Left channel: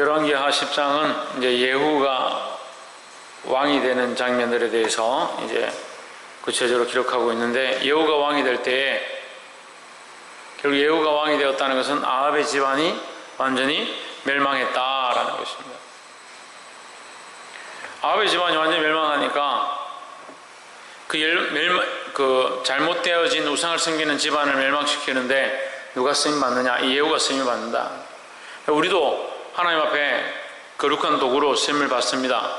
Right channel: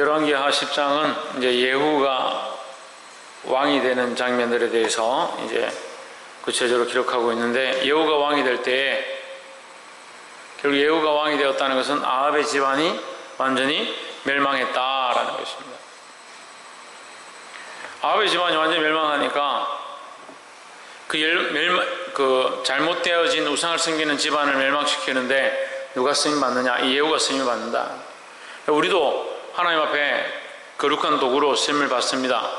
열왕기하 10장은 이제 예후가 왕이 되는 장면들에 대해서 이제 구체적으로 기록하고 있는데, 예후가 왕이 될 때에 결국 예후가 왕이 되었다는 것은 아합의 집안이 완전히 멸망했다라는 것입니다. 아합의 집안이 완전히 멸망하니까 그 잘못되어진 우상을 섬기는 집안을 멸망시키는데 누가 쓰임받느냐? 이 예후가 쓰임을 받는다. 우리도 하나님 앞에 거룩한 도구로 쓰임을 받습니다.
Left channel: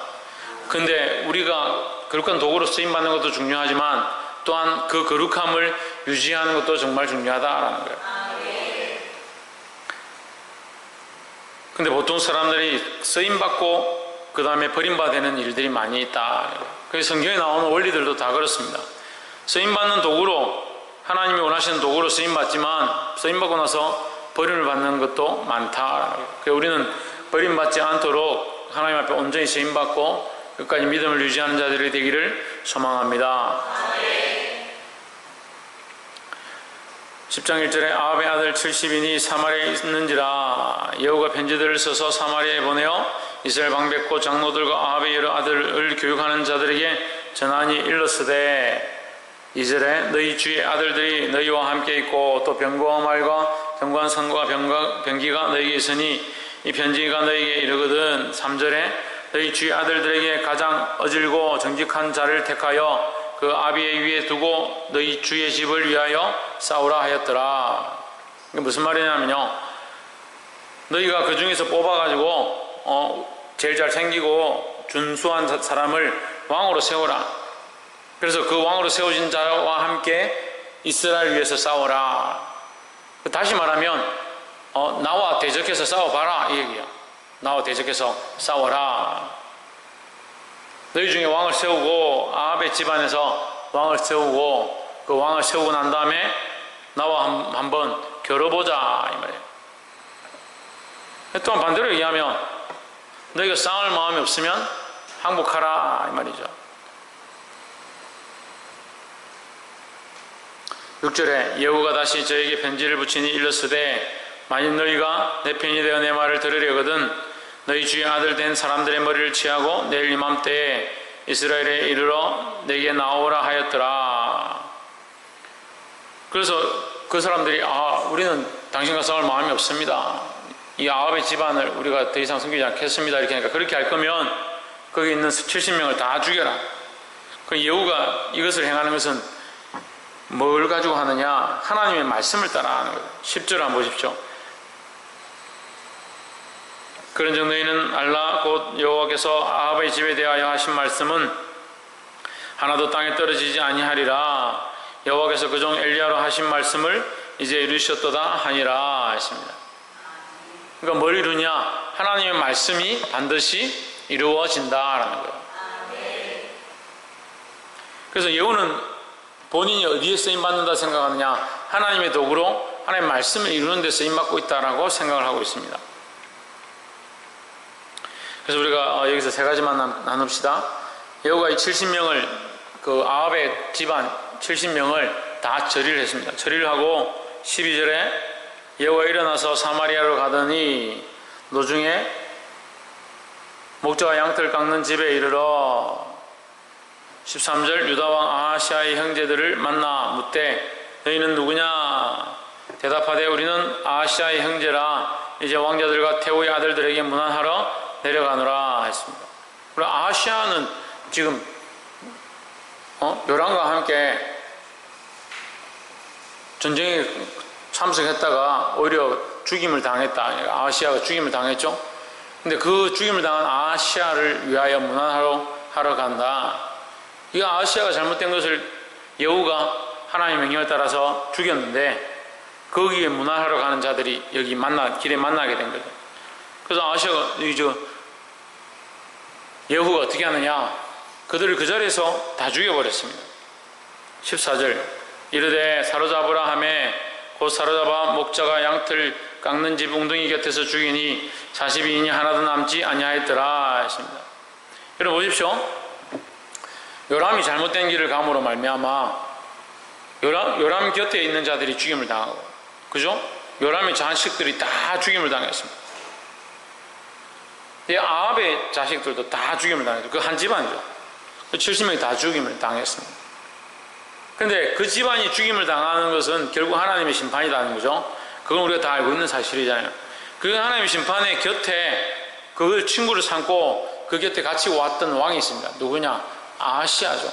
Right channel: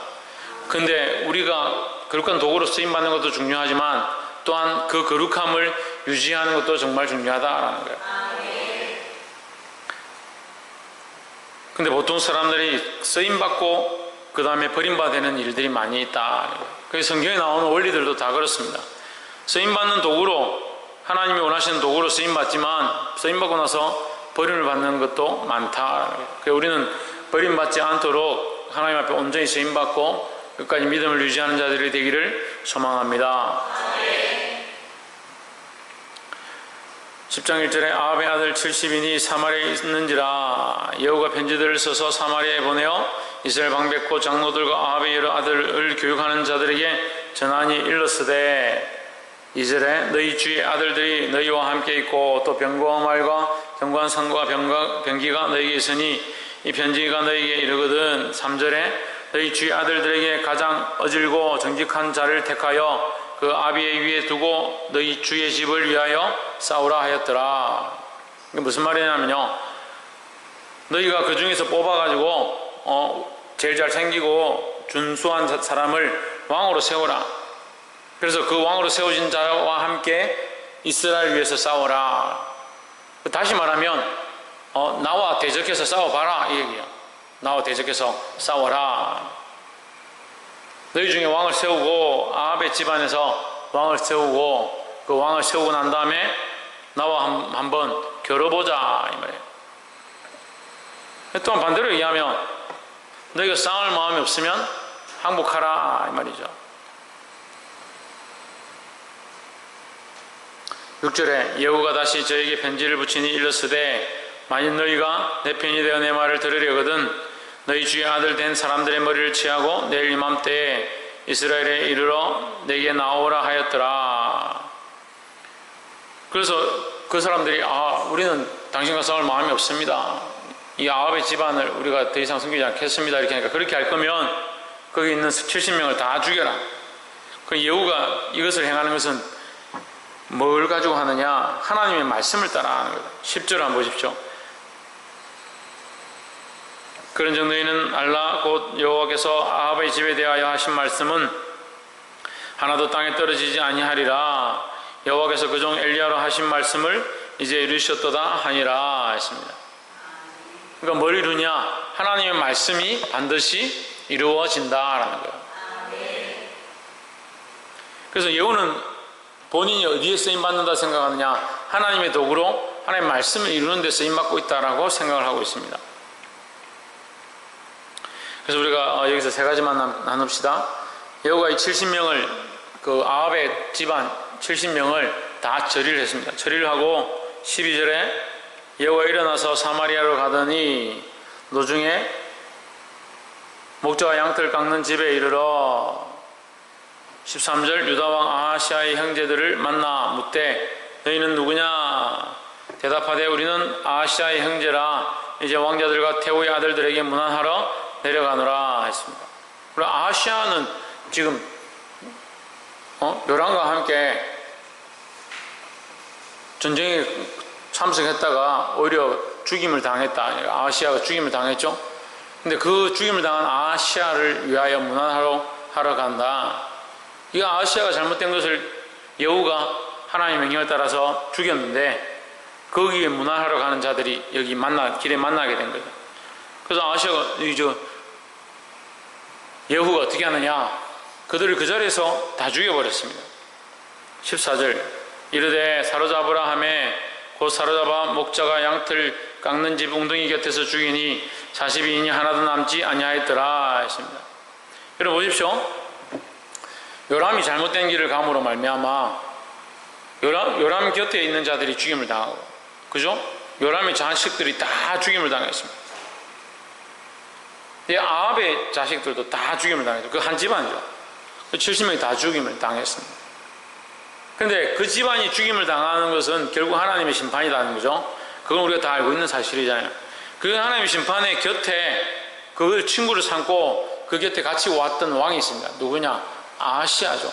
근데 우리가 거룩한 도구로 쓰임받는 것도 중요하지만 또한 그 거룩함을 유지하는 것도 정말 중요하다라는 거예요. 근데 보통 사람들이 쓰임받고 그 다음에 버림받는 일들이 많이 있다. 그래서 성경에 나오는 원리들도 다 그렇습니다. 쓰임받는 도구로, 하나님이 원하시는 도구로 쓰임받지만 쓰임받고 나서 버림을 받는 것도 많다. 그래서 우리는 버림받지 않도록 하나님 앞에 온전히 쓰임받고 끝까지 믿음을 유지하는 자들이 되기를 소망합니다. 10장 1절에 아합의 아들 70인이 사마리아에 있는지라 예후가 편지들을 써서 사마리아에 보내어 이스라엘 방백호 장로들과 아합의 여러 아들을 교육하는 자들에게 전하니 일렀으되 2절에 너희 주의 아들들이 너희와 함께 있고 또 병거와 말과 견고한 산과 병기가 너희에게 있으니 이 편지가 너희에게 이르거든. 3절에 너희 주의 아들들에게 가장 어질고 정직한 자를 택하여 그 아비의 위에 두고 너희 주의 집을 위하여 싸우라 하였더라. 이게 무슨 말이냐면요, 너희가 그 중에서 뽑아가지고 제일 잘 생기고 준수한 사람을 왕으로 세우라. 그래서 그 왕으로 세워진 자와 함께 이스라엘 위해서 싸워라. 다시 말하면 나와 대적해서 싸워봐라 이 얘기야. 나와 대적해서 싸워라. 너희 중에 왕을 세우고 아합의 집안에서 왕을 세우고 그 왕을 세우고 난 다음에 나와 한번 겨뤄보자 이 말이에요. 또한 반대로 얘기하면 너희가 싸울 마음이 없으면 항복하라 이 말이죠. 6절에 예후가 다시 저에게 편지를 붙이니 일렀으되 만일 너희가 내 편이 되어 내 말을 들으려거든 너희 주의 아들 된 사람들의 머리를 취하고 내일 이맘때에 이스라엘에 이르러 내게 나오라 하였더라. 그래서 그 사람들이 우리는 당신과 싸울 마음이 없습니다. 이 아합의 집안을 우리가 더 이상 섬기지 않겠습니다. 이렇게 하니까 그렇게 할 거면 거기 있는 70명을 다 죽여라. 그 예후가 이것을 행하는 것은 뭘 가지고 하느냐? 하나님의 말씀을 따라 하는 거다. 10절 한번 보십시오. 그런즉 너희는 알라 곧 여호와께서 아합의 집에 대하여 하신 말씀은 하나도 땅에 떨어지지 아니하리라. 여호와께서 그종 엘리야로 하신 말씀을 이제 이루셨도다 하니라 했습니다. 그러니까 뭘 이루냐? 하나님의 말씀이 반드시 이루어진다라는 거예요. 그래서 예후는 본인이 어디에 쓰임받는다 생각하느냐? 하나님의 도구로 하나님의 말씀을 이루는 데 쓰임받고 있다라고 생각을 하고 있습니다. 그래서 우리가 여기서 세 가지만 나눕시다. 예후가 이 70명을 그 아합의 집안 70명을 다 처리를 했습니다. 처리를 하고 12절에 예후가 일어나서 사마리아로 가더니 노중에 목자와 양털 깎는 집에 이르러 13절 유다왕 아하시아의 형제들을 만나 묻되 너희는 누구냐? 대답하되 우리는 아하시아의 형제라. 이제 왕자들과 태후의 아들들에게 문안하러 내려가노라 했습니다. 그리고 아하시아는 지금 요람과 함께 전쟁에 참석했다가 오히려 죽임을 당했다. 아하시아가 죽임을 당했죠. 근데 그 죽임을 당한 아하시아를 위하여 문안하러 간다. 이 아하시아가 잘못된 것을 예후가 하나님의 명령을 따라서 죽였는데 거기에 문안하러 가는 자들이 여기 길에 만나게 된 거죠. 그래서 아하시아가 예후가 어떻게 하느냐? 그들을 그 자리에서 다 죽여버렸습니다. 14절 이르되 사로잡으라 하매 곧 사로잡아 목자가 양털 깎는 집 웅덩이 곁에서 죽이니 40인이 하나도 남지 아니하였더라 했습니다. 여러분 보십시오. 요람이 잘못된 길을 감으로 말미암아 요람 곁에 있는 자들이 죽임을 당하고, 그죠? 요람의 자식들이 다 죽임을 당했습니다. 이 아합의 자식들도 다 죽임을 당했죠. 그 한 집안이죠. 70명이 다 죽임을 당했습니다. 그런데 그 집안이 죽임을 당하는 것은 결국 하나님의 심판이라는 거죠. 그건 우리가 다 알고 있는 사실이잖아요. 그 하나님의 심판의 곁에 그걸 친구를 삼고 그 곁에 같이 왔던 왕이 있습니다. 누구냐? 아하시아죠.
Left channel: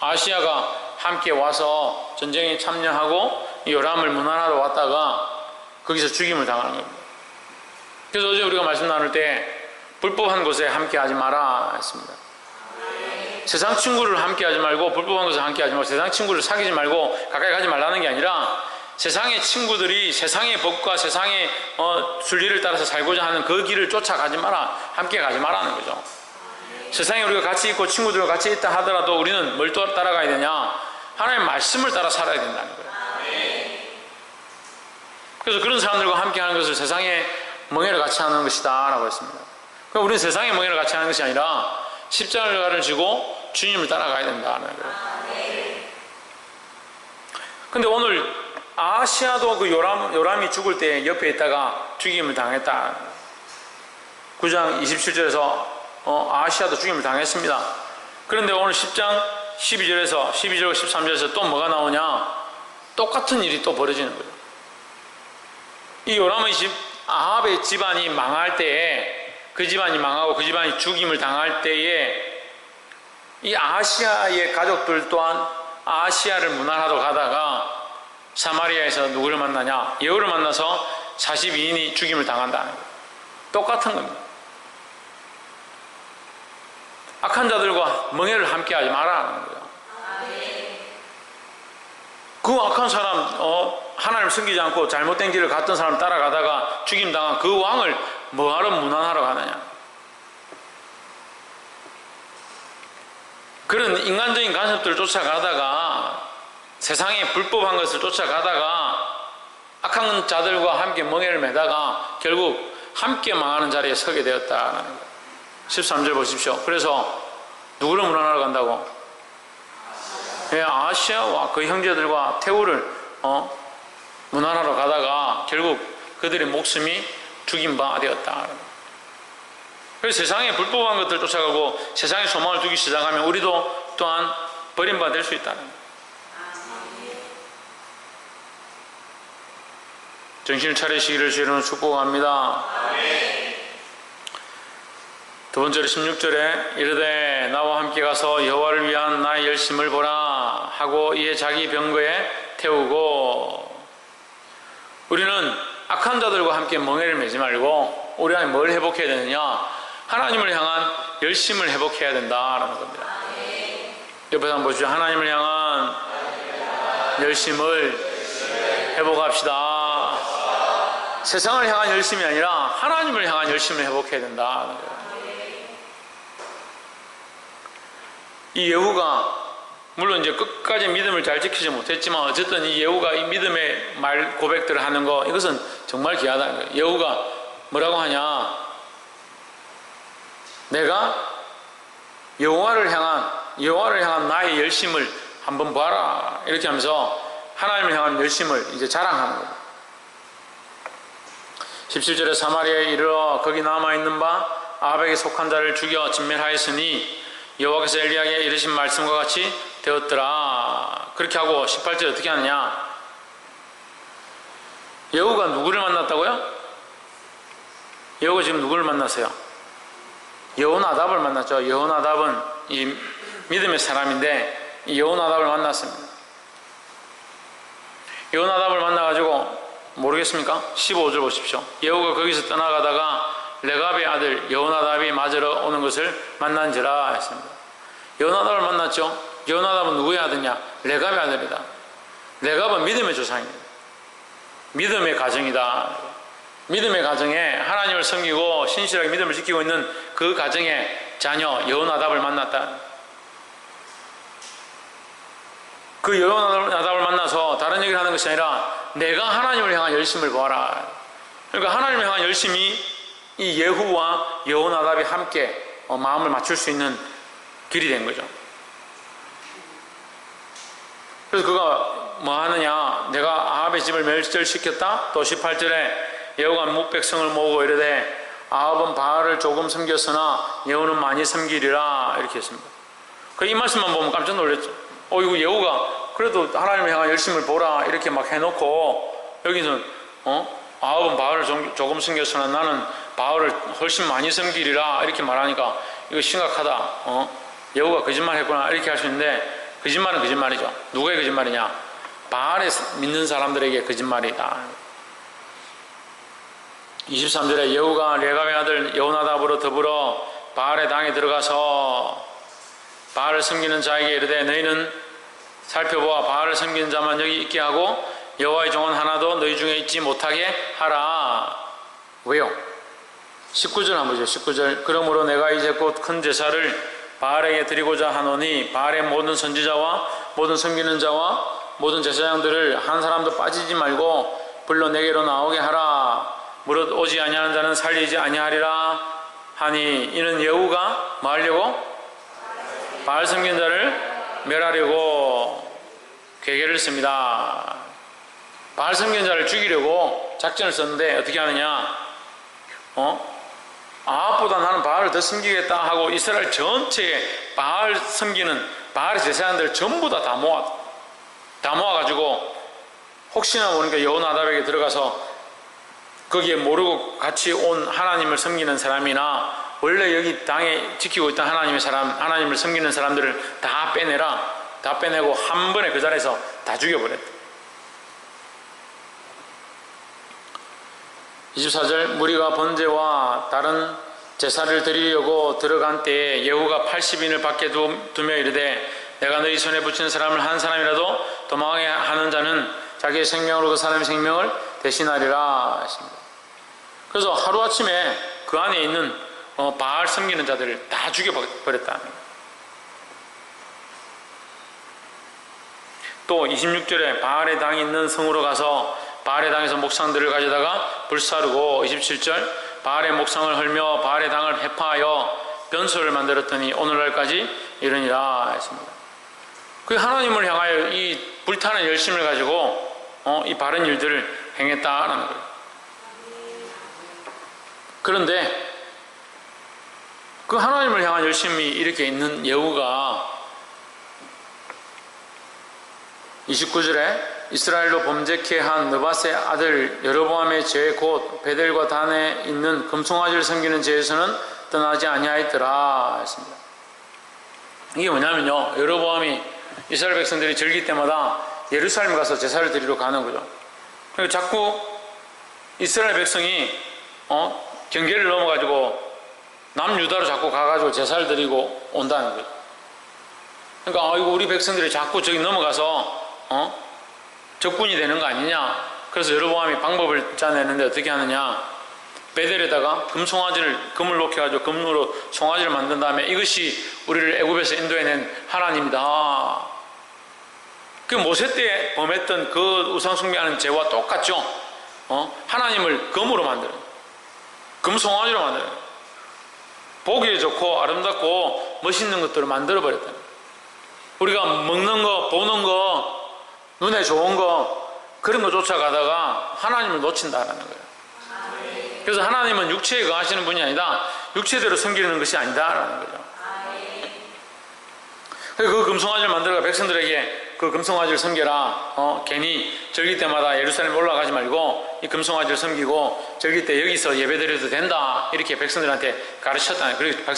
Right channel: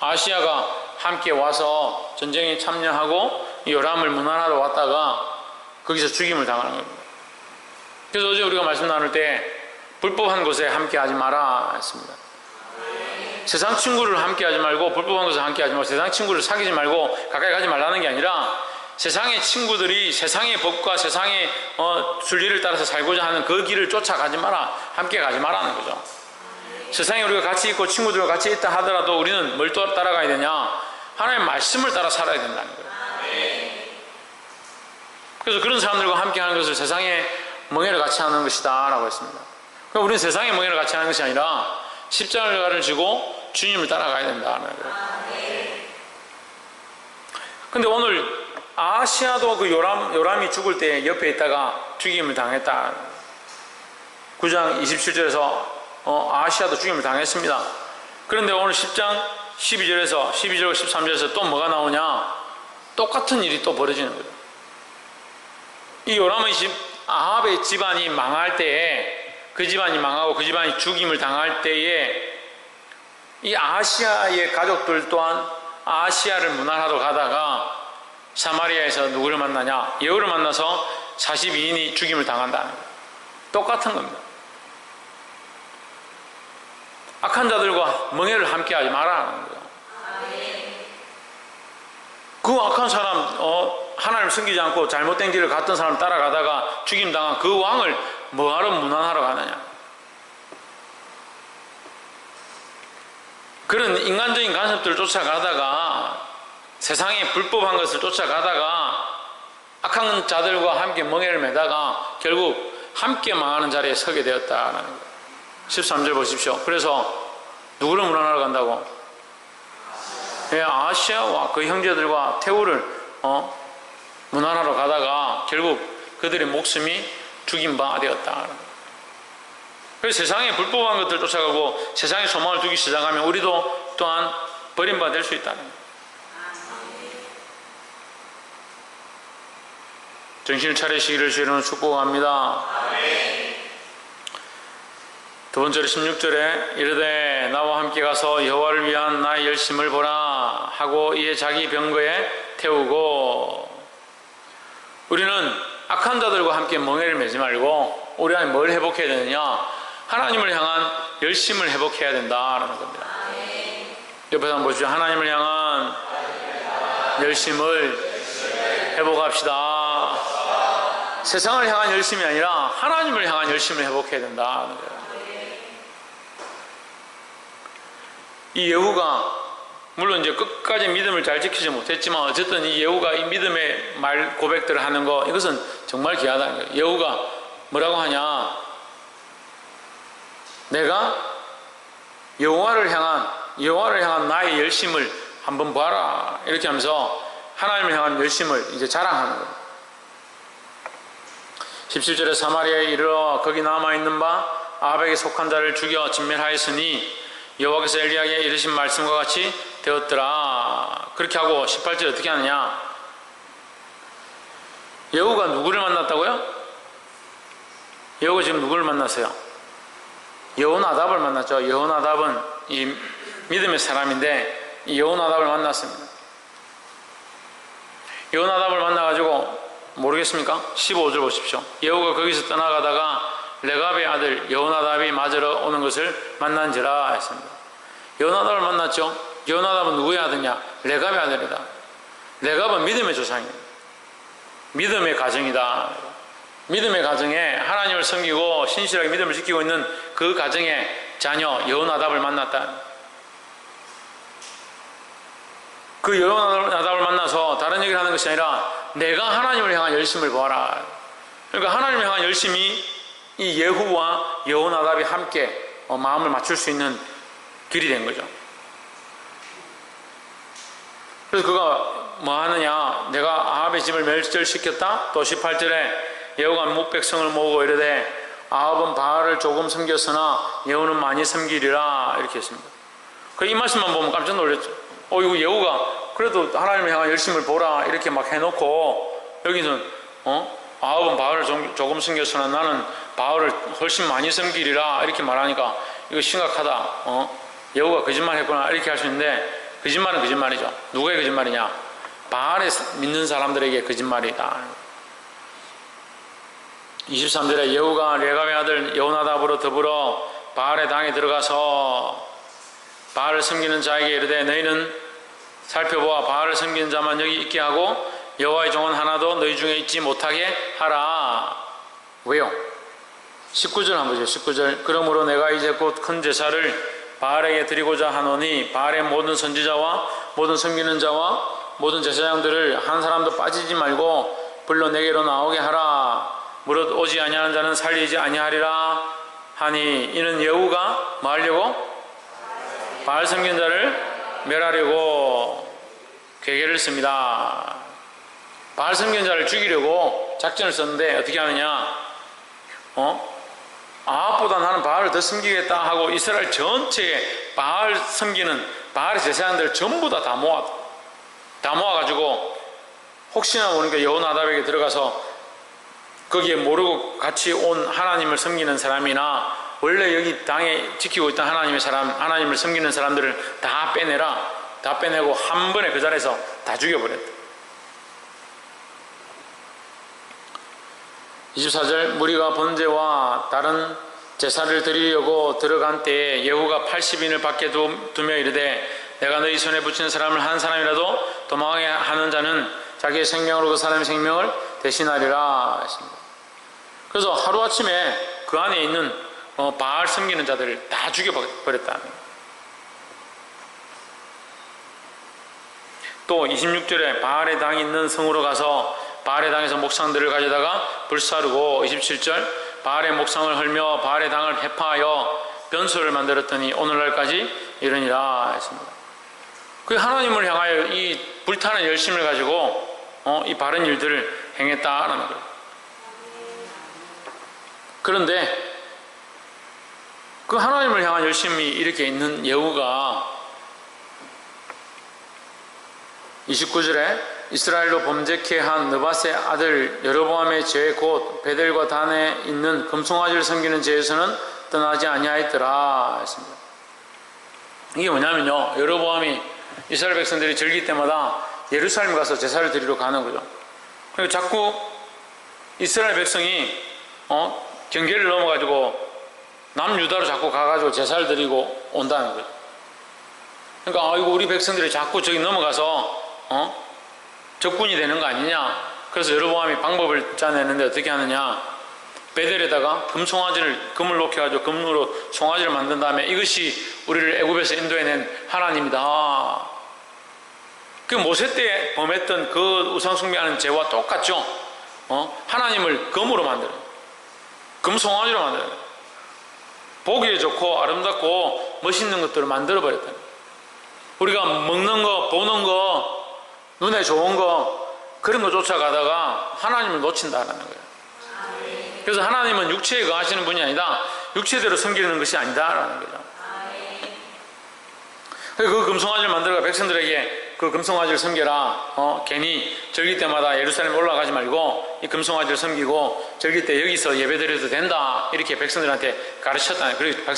아하시아가 함께 와서 전쟁에 참여하고 요람을 문안하러 왔다가 거기서 죽임을 당하는 겁니다. 그래서 어제 우리가 말씀 나눌 때 불법한 곳에 함께 하지 마라 했습니다. 세상 친구를 함께 하지 말고 불법한 곳에 함께 하지 말고 세상 친구를 사귀지 말고 가까이 가지 말라는 게 아니라 세상의 친구들이 세상의 법과 세상의 순리를 따라서 살고자 하는 그 길을 쫓아가지 마라, 함께 가지 마라는 거죠. 세상에 우리가 같이 있고 친구들과 같이 있다 하더라도 우리는 뭘 따라가야 되냐? 하나님의 말씀을 따라 살아야 된다는 거예요. 그래서 그런 사람들과 함께 하는 것을 세상의 멍에를 같이 하는 것이다 라고 했습니다. 그러니까 우리는 세상의 멍에를 같이 하는 것이 아니라 십자가를 지고 주님을 따라가야 된다는 거예요. 근데 오늘 아하시아도 그 요람이 죽을 때 옆에 있다가 죽임을 당했다. 9장 27절에서 아하시아도 죽임을 당했습니다. 그런데 오늘 10장 12절과 13절에서 또 뭐가 나오냐? 똑같은 일이 또 벌어지는 거예요. 이 요람의 아합의 집안이 망할 때에 그 집안이 망하고 그 집안이 죽임을 당할 때에 이 아하시아의 가족들 또한 아하시아를 문안하러 가다가 사마리아에서 누구를 만나냐? 예후를 만나서 42인이 죽임을 당한다는 거예요. 똑같은 겁니다. 악한 자들과 멍에를 함께하지 말라는 거예요. 그 악한 사람, 하나님을 섬기지 않고 잘못된 길을 갔던 사람 따라가다가 죽임당한 그 왕을 뭐하러 문안하러 가느냐? 그런 인간적인 간섭들을 쫓아가다가 세상의 불법한 것을 쫓아가다가 악한 자들과 함께 멍에를 매다가 결국 함께 망하는 자리에 서게 되었다는 거예요. 13절 보십시오. 그래서 누구를 문안하러 간다고? 아하시아와 그 형제들과 태우를 문안하러 가다가 결국 그들의 목숨이 죽임바 되었다. 그래서 세상에 불법한 것들 쫓아가고 세상에 소망을 두기 시작하면 우리도 또한 버림받아 될 수 있다는 거예요. 정신을 차리시기를 주님으로 축복합니다. 두 번째로 16절에 이르되 나와 함께 가서 여호와를 위한 나의 열심을 보라 하고 이에 자기 병거에 태우고. 우리는 악한 자들과 함께 멍에를 매지 말고 우리 안에 뭘 회복해야 되느냐? 하나님을 향한 열심을 회복해야 된다라는 겁니다. 옆에서 한번 보시죠. 하나님을 향한 열심을 회복합시다. 세상을 향한 열심이 아니라 하나님을 향한 열심을 회복해야 된다는 거예요. 이 예후가 물론 이제 끝까지 믿음을 잘 지키지 못했지만 어쨌든 이 예후가 이 믿음의 말 고백들을 하는 거 이것은 정말 귀하다는 거예요. 예후가 뭐라고 하냐? 내가 여호와를 향한 나의 열심을 한번 봐라 이렇게 하면서 하나님을 향한 열심을 이제 자랑하는 거예요. 17절에 사마리아에 이르러 거기 남아있는 바 아합에게 속한 자를 죽여 진멸하였으니 여호와께서 엘리야에게 이르신 말씀과 같이 되었더라. 그렇게 하고 18절 어떻게 하느냐? 예후가 누구를 만났다고요? 예후가 지금 누구를 만났어요? 여호나답을 만났죠. 여호나답은 이 믿음의 사람인데 이 여호나답을 만났습니다. 여호나답을 만나가지고 모르겠습니까? 15절 보십시오. 예후가 거기서 떠나가다가 레갑의 아들 여호나답이 맞으러 오는 것을 만난지라 했습니다. 여호나답을 만났죠. 여호나답은 누구의 아들이냐? 레갑의 아들이다. 레갑은 믿음의 조상입니다. 믿음의 가정이다. 믿음의 가정에 하나님을 섬기고 신실하게 믿음을 지키고 있는 그 가정의 자녀 여호나답을 만났다. 그 여호나답을 만나서 다른 얘기를 하는 것이 아니라 내가 하나님을 향한 열심을 보아라. 그러니까 하나님을 향한 열심이 이 예후와 여호나답이 함께 마음을 맞출 수 있는 길이 된 거죠. 그래서 그가 뭐 하느냐? 내가 아합의 집을 멸절시켰다. 또 18절에 예후가 뭇백성을 모으고 이르되 아합은 바알을 조금 섬겼으나 예후는 많이 섬기리라 이렇게 했습니다. 이 말씀만 보면 깜짝 놀랐죠. 이거 예후가 그래도 하나님을 향한 열심을 보라 이렇게 막 해놓고 여기는 아합은 바알을 조금 섬겼으나 나는 바알을 훨씬 많이 섬기리라 이렇게 말하니까 이거 심각하다. 예후가 거짓말했구나 이렇게 할 수 있는데 거짓말은 거짓말이죠. 누구의 거짓말이냐? 바알에 믿는 사람들에게 거짓말이다. 23절에 예후가 레갑의 아들 여호나답으로 더불어 바알의 당에 들어가서 바알을 섬기는 자에게 이르되 너희는 살펴보아 바알을 섬기는 자만 여기 있게 하고 여호와의 종은 하나도 너희 중에 있지 못하게 하라. 왜요? 19절 한번 보죠. 19절 그러므로 내가 이제 곧 큰 제사를 바알에게 드리고자 하노니 바알의 모든 선지자와 모든 섬기는 자와 모든 제사장들을 한 사람도 빠지지 말고 불러 내게로 나오게 하라. 무릇 오지 아니하는 자는 살리지 아니하리라 하니 이는 예후가 뭐 하려고? 바알 섬기는 자를 멸하려고 계계를 씁니다. 바알 섬기는 자를 죽이려고 작전을 썼는데 어떻게 하느냐? 아합보다 나는 바알을 더 섬기겠다 하고 이스라엘 전체에 바알 섬기는 바알의 제사장들 전부 다 모아가지고 혹시나 모르니까 여호나답에게 들어가서 거기에 모르고 같이 온 하나님을 섬기는 사람이나 원래 여기 당에 지키고 있던 하나님을 섬기는 사람들을 다 빼내라. 다 빼내고 한 번에 그 자리에서 다 죽여버렸다. 24절 무리가 번제와 다른 제사를 드리려고 들어간 때에 예후가 80인을 밖에 두며 이르되 내가 너희 손에 붙이는 사람을 한 사람이라도 도망하게 하는 자는 자기의 생명으로 그 사람의 생명을 대신하리라 했습니다. 그래서 하루아침에 그 안에 있는 바알 섬기는 자들을 다 죽여버렸다. 또 26절에 바알의 당이 있는 성으로 가서 바알의 당에서 목상들을 가져다가 불사르고 27절 바알의 목상을 헐며 바알의 당을 회파하여 변소를 만들었더니 오늘날까지 이르니라 했습니다. 그 하나님을 향하여 이 불타는 열심을 가지고 이 바른 일들을 행했다라는 거예요. 그런데 그 하나님을 향한 열심이 이렇게 있는 예후가 29절에 이스라엘로 범죄케 한 느밧의 아들 여로보암의 죄 곧 베델과 단에 있는 금송아지를 섬기는 죄에서는 떠나지 아니하였더라 했습니다. 이게 뭐냐면요, 여로보암이 이스라엘 백성들이 절기 때마다 예루살렘 가서 제사를 드리러 가는 거죠. 그리고 자꾸 이스라엘 백성이 경계를 넘어가지고 남유다로 자꾸 가가지고 제사를 드리고 온다는 거죠. 그러니까 이거 우리 백성들이 자꾸 저기 넘어가서 적군이 되는 거 아니냐. 그래서 여로보암이 방법을 짜내는데 어떻게 하느냐, 베델에다가 금을 녹여가지고 금으로 송아지를 만든 다음에 이것이 우리를 애굽에서 인도해낸 하나님이다. 그 모세 때 범했던 그 우상 숭배하는 죄와 똑같죠. 하나님을 금으로 만들어요. 금 송아지로 만들어요. 보기에 좋고 아름답고 멋있는 것들을 만들어버렸다. 우리가 먹는 거, 보는 거, 눈에 좋은 거, 그런 거 쫓아가다가 하나님을 놓친다는 거예요. 그래서 하나님은 육체에 거하시는 분이 아니다, 육체대로 섬기는 것이 아니다라는 거죠. 그 금송아지를 만들어가 백성들에게 그 금송아지를 섬겨라. 괜히 절기 때마다 예루살렘 올라가지 말고 이 금송아지를 섬기고 절기 때 여기서 예배드려도 된다. 이렇게 백성들한테 가르쳤다는 거예요. 그리고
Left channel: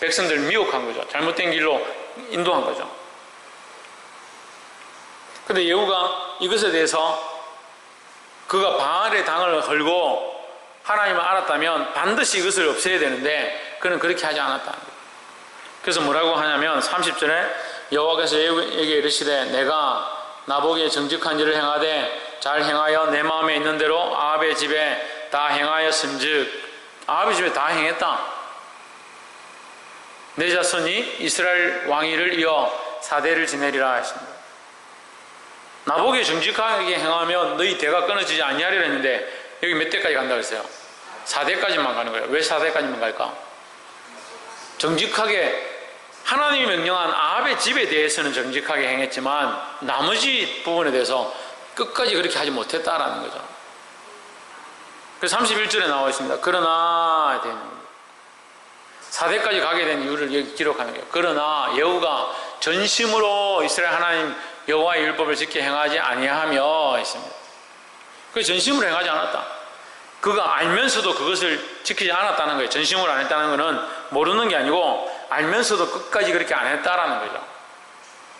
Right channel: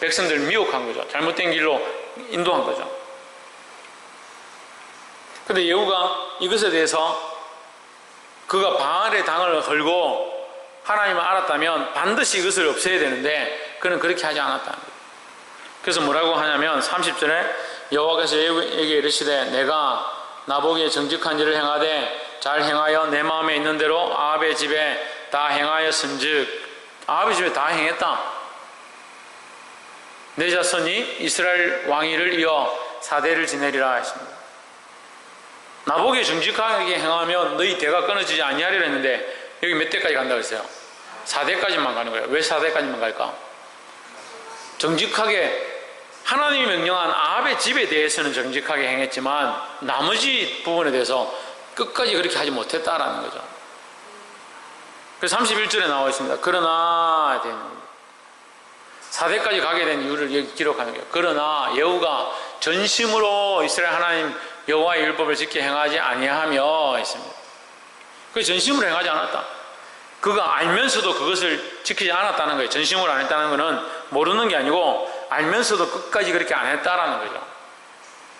백성들 미혹한 거죠. 잘못된 길로 인도한 거죠. 근데 예후가 이것에 대해서 그가 바알의 당을 헐고 하나님을 알았다면 반드시 이것을 없애야 되는데 그는 그렇게 하지 않았다는 거예요. 그래서 뭐라고 하냐면 30절에 여호와께서 예후에게 이르시되 내가 나보기에 정직한 일을 행하되 잘 행하여 내 마음에 있는 대로 아합의 집에 다 행하였은즉, 아합의 집에 다 행했다. 내 자손이 이스라엘 왕위를 이어 4대를 지내리라 했습니다. 나보기에 정직하게 행하면 너희 대가 끊어지지 아니하리라 했는데 여기 몇 대까지 간다고 했어요? 4대까지만 가는 거예요. 왜 4대까지만 갈까? 정직하게 하나님이 명령한 아합의 집에 대해서는 정직하게 행했지만 나머지 부분에 대해서 끝까지 그렇게 하지 못했다라는 거죠. 그래서 31절에 나와 있습니다. 그러나 되는 겁니다. 4대까지 가게 된 이유를 여기 기록하는 거예요. 그러나 여호가 전심으로 이스라엘 하나님 여호와의 율법을 지켜 행하지 아니하며 있습니다. 그 전심으로 행하지 않았다. 그가 알면서도 그것을 지키지 않았다는 거예요. 전심으로 안 했다는 것은 모르는 게 아니고 알면서도 끝까지 그렇게 안 했다라는 거죠.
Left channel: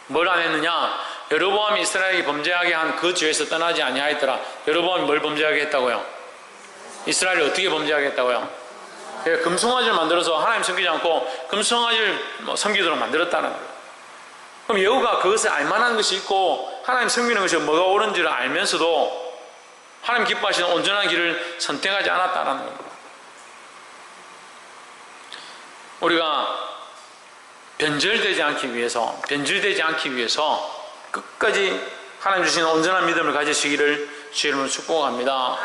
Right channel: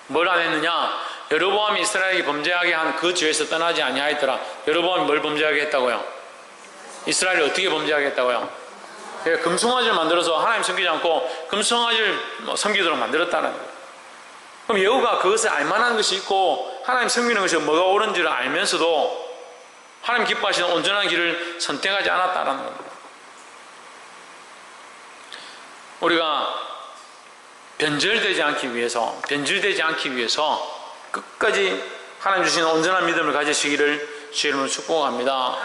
뭘 안 했느냐? 여로보암이 이스라엘이 범죄하게 한 그 죄에서 떠나지 아니하였더라. 여로보암이 뭘 범죄하게 했다고요? 이스라엘을 어떻게 범죄하게 했다고요? 금송아지를 만들어서 하나님 섬기지 않고 금송아지를 섬기도록 만들었다는 거예요. 그럼 여호가 그것을 알만한 것이 있고 하나님 섬기는 것이 뭐가 옳은지를 알면서도 하나님 기뻐하시는 온전한 길을 선택하지 않았다는 겁니다. 우리가 변질되지 않기 위해서 끝까지 하나님 주시는 온전한 믿음을 가지시기를 주의 이름으로 축복합니다.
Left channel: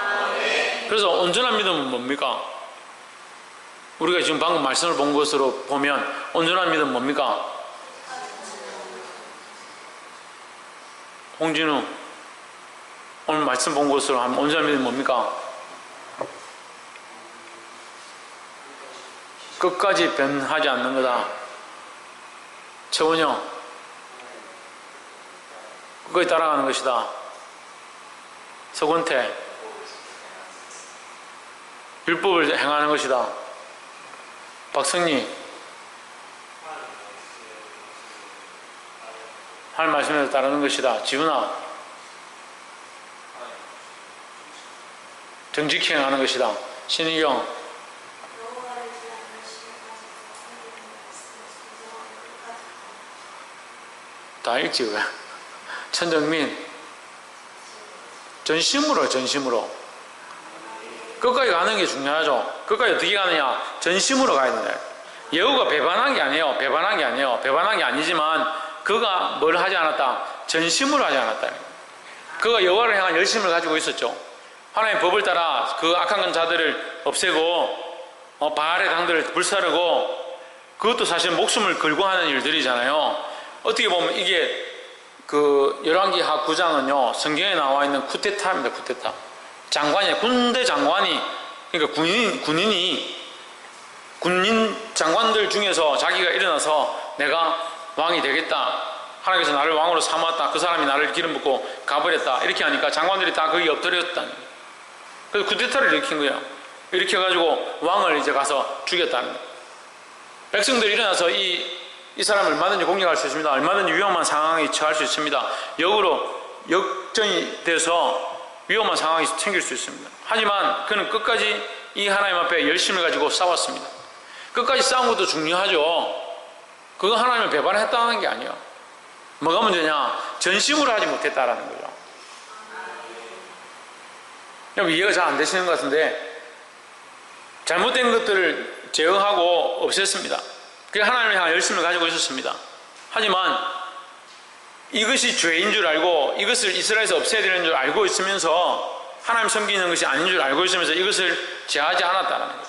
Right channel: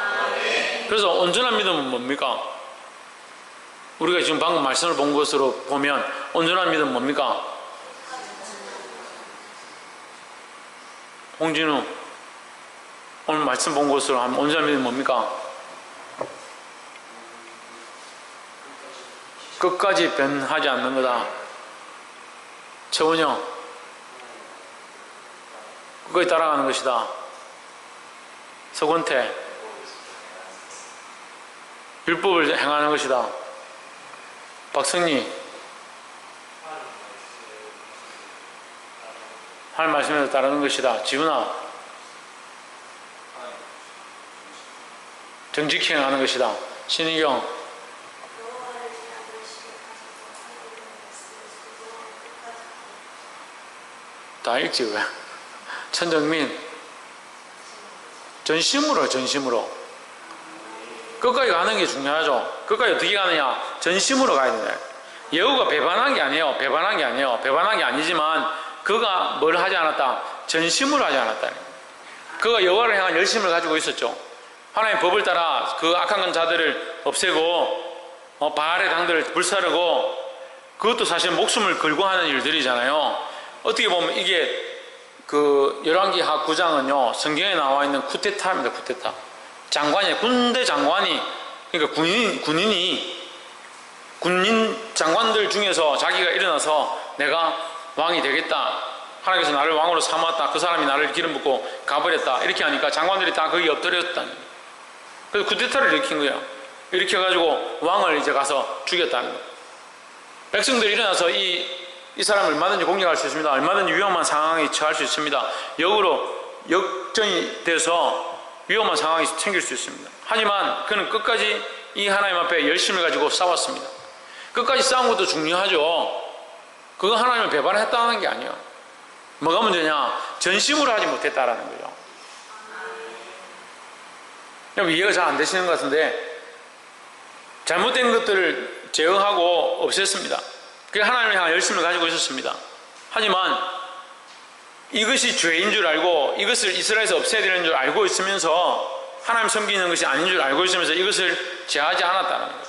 그래서 온전한 믿음은 뭡니까? 우리가 지금 방금 말씀을 본 것으로 보면 온전한 믿음은 뭡니까? 홍진우 오늘 말씀 본 것으로 하면 온전한 믿음은 뭡니까? 끝까지 변하지 않는 거다. 최원영 끝까지 따라가는 것이다. 서건태 율법을 행하는 것이다. 박성리 하나님 말씀에 따르는 것이다. 지훈아 정직히 행하는 것이다. 신희경 다 읽지 왜? 천정민 전심으로 끝까지 가는 게 중요하죠. 끝까지 어떻게 가느냐? 전심으로 가야 된다. 여호가 배반한 게 아니에요. 배반한 게 아니지만 그가 뭘 하지 않았다? 전심으로 하지 않았다. 그가 여호와를 향한 열심을 가지고 있었죠. 하나님의 법을 따라 그 악한 자들을 없애고 바알의 당들을 불사르고 그것도 사실 목숨을 걸고 하는 일들이잖아요. 어떻게 보면 이게 그 열왕기하 9장은요 성경에 나와 있는 쿠데타입니다. 쿠데타. 군대 장관이 그러니까 군인 장관들 중에서 자기가 일어나서 내가 왕이 되겠다. 하나님께서 나를 왕으로 삼았다. 그 사람이 나를 기름 붓고 가버렸다. 이렇게 하니까 장관들이 다 거기 엎드렸다는 거예요. 그래서 쿠데타를 일으킨 거예요. 일으켜가지고 왕을 이제 가서 죽였다는 거예요. 백성들이 일어나서 이 사람을 얼마든지 공격할 수 있습니다. 얼마든지 위험한 상황에 처할 수 있습니다. 역전이 돼서 위험한 상황이 생길 수 있습니다. 하지만 그는 끝까지 이 하나님 앞에 열심을 가지고 싸웠습니다. 끝까지 싸운 것도 중요하죠. 그거 하나님을 배반했다는 게 아니에요. 뭐가 문제냐? 전심으로 하지 못했다라는 거죠. 여러분 이해가 잘 안 되시는 것 같은데 잘못된 것들을 제어하고 없앴습니다. 그 하나님을 향한 열심을 가지고 있었습니다. 하지만 이것이 죄인 줄 알고 이것을 이스라엘에서 없애야 되는 줄 알고 있으면서 하나님 섬기는 것이 아닌 줄 알고 있으면서 이것을 제하지 않았다는 거예요.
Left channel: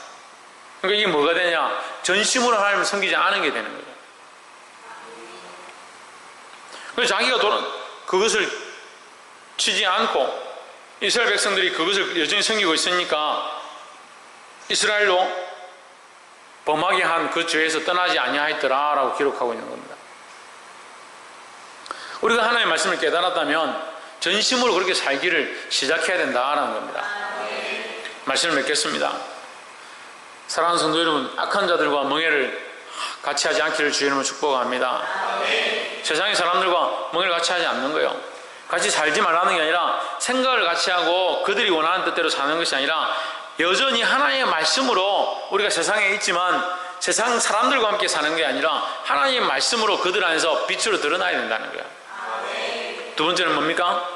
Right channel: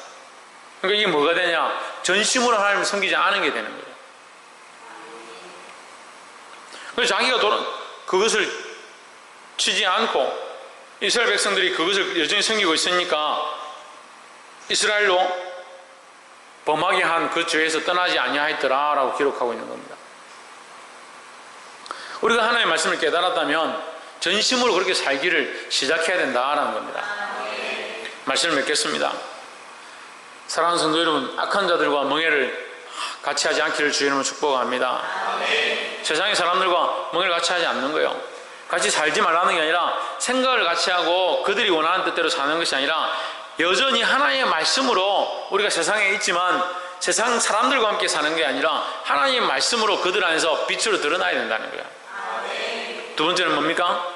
그러니까 이게 뭐가 되냐? 전심으로 하나님을 섬기지 않은 게 되는 거예요. 그래서 자기가 그것을 치지 않고 이스라엘 백성들이 그것을 여전히 섬기고 있으니까 이스라엘로 범하게 한 그 죄에서 떠나지 아니하였더라 라고 기록하고 있는 겁니다. 우리가 하나님의 말씀을 깨달았다면 전심으로 그렇게 살기를 시작해야 된다라는 겁니다. 말씀을 맺겠습니다. 사랑하는 성도 여러분, 악한 자들과 멍해를 같이 하지 않기를 주의 이름으로 축복합니다. 세상의 사람들과 멍해를 같이 하지 않는 거예요. 같이 살지 말라는 게 아니라 생각을 같이 하고 그들이 원하는 뜻대로 사는 것이 아니라 여전히 하나님의 말씀으로 우리가 세상에 있지만 세상 사람들과 함께 사는 게 아니라 하나님의 말씀으로 그들 안에서 빛으로 드러나야 된다는 거예요. 두 번째는 뭡니까?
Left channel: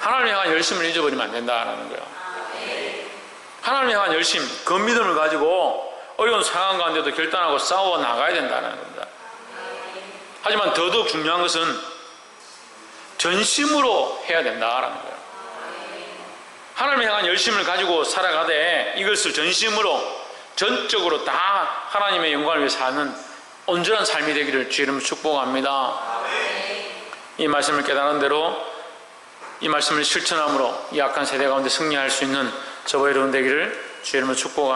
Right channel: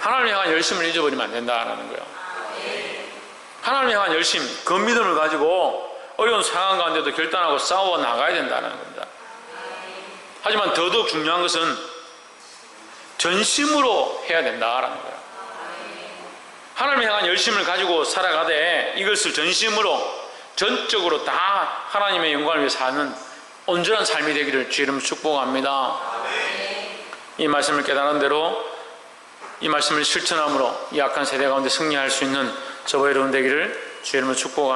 하나님을 향한 열심을 잊어버리면 안 된다는 거예요. 하나님을 향한 열심, 그 믿음을 가지고 어려운 상황 가운데도 결단하고 싸워 나가야 된다는 겁니다. 하지만 더더욱 중요한 것은 전심으로 해야 된다라는 거예요. 하나님을 향한 열심을 가지고 살아가되 이것을 전심으로 전적으로 다 하나님의 영광을 위해 사는 온전한 삶이 되기를 주의 이름으로 축복합니다. 이 말씀을 깨달은 대로 이 말씀을 실천함으로 이 악한 세대 가운데 승리할 수 있는 저와 여러분 되기를 주의 이름으로 축복합니다.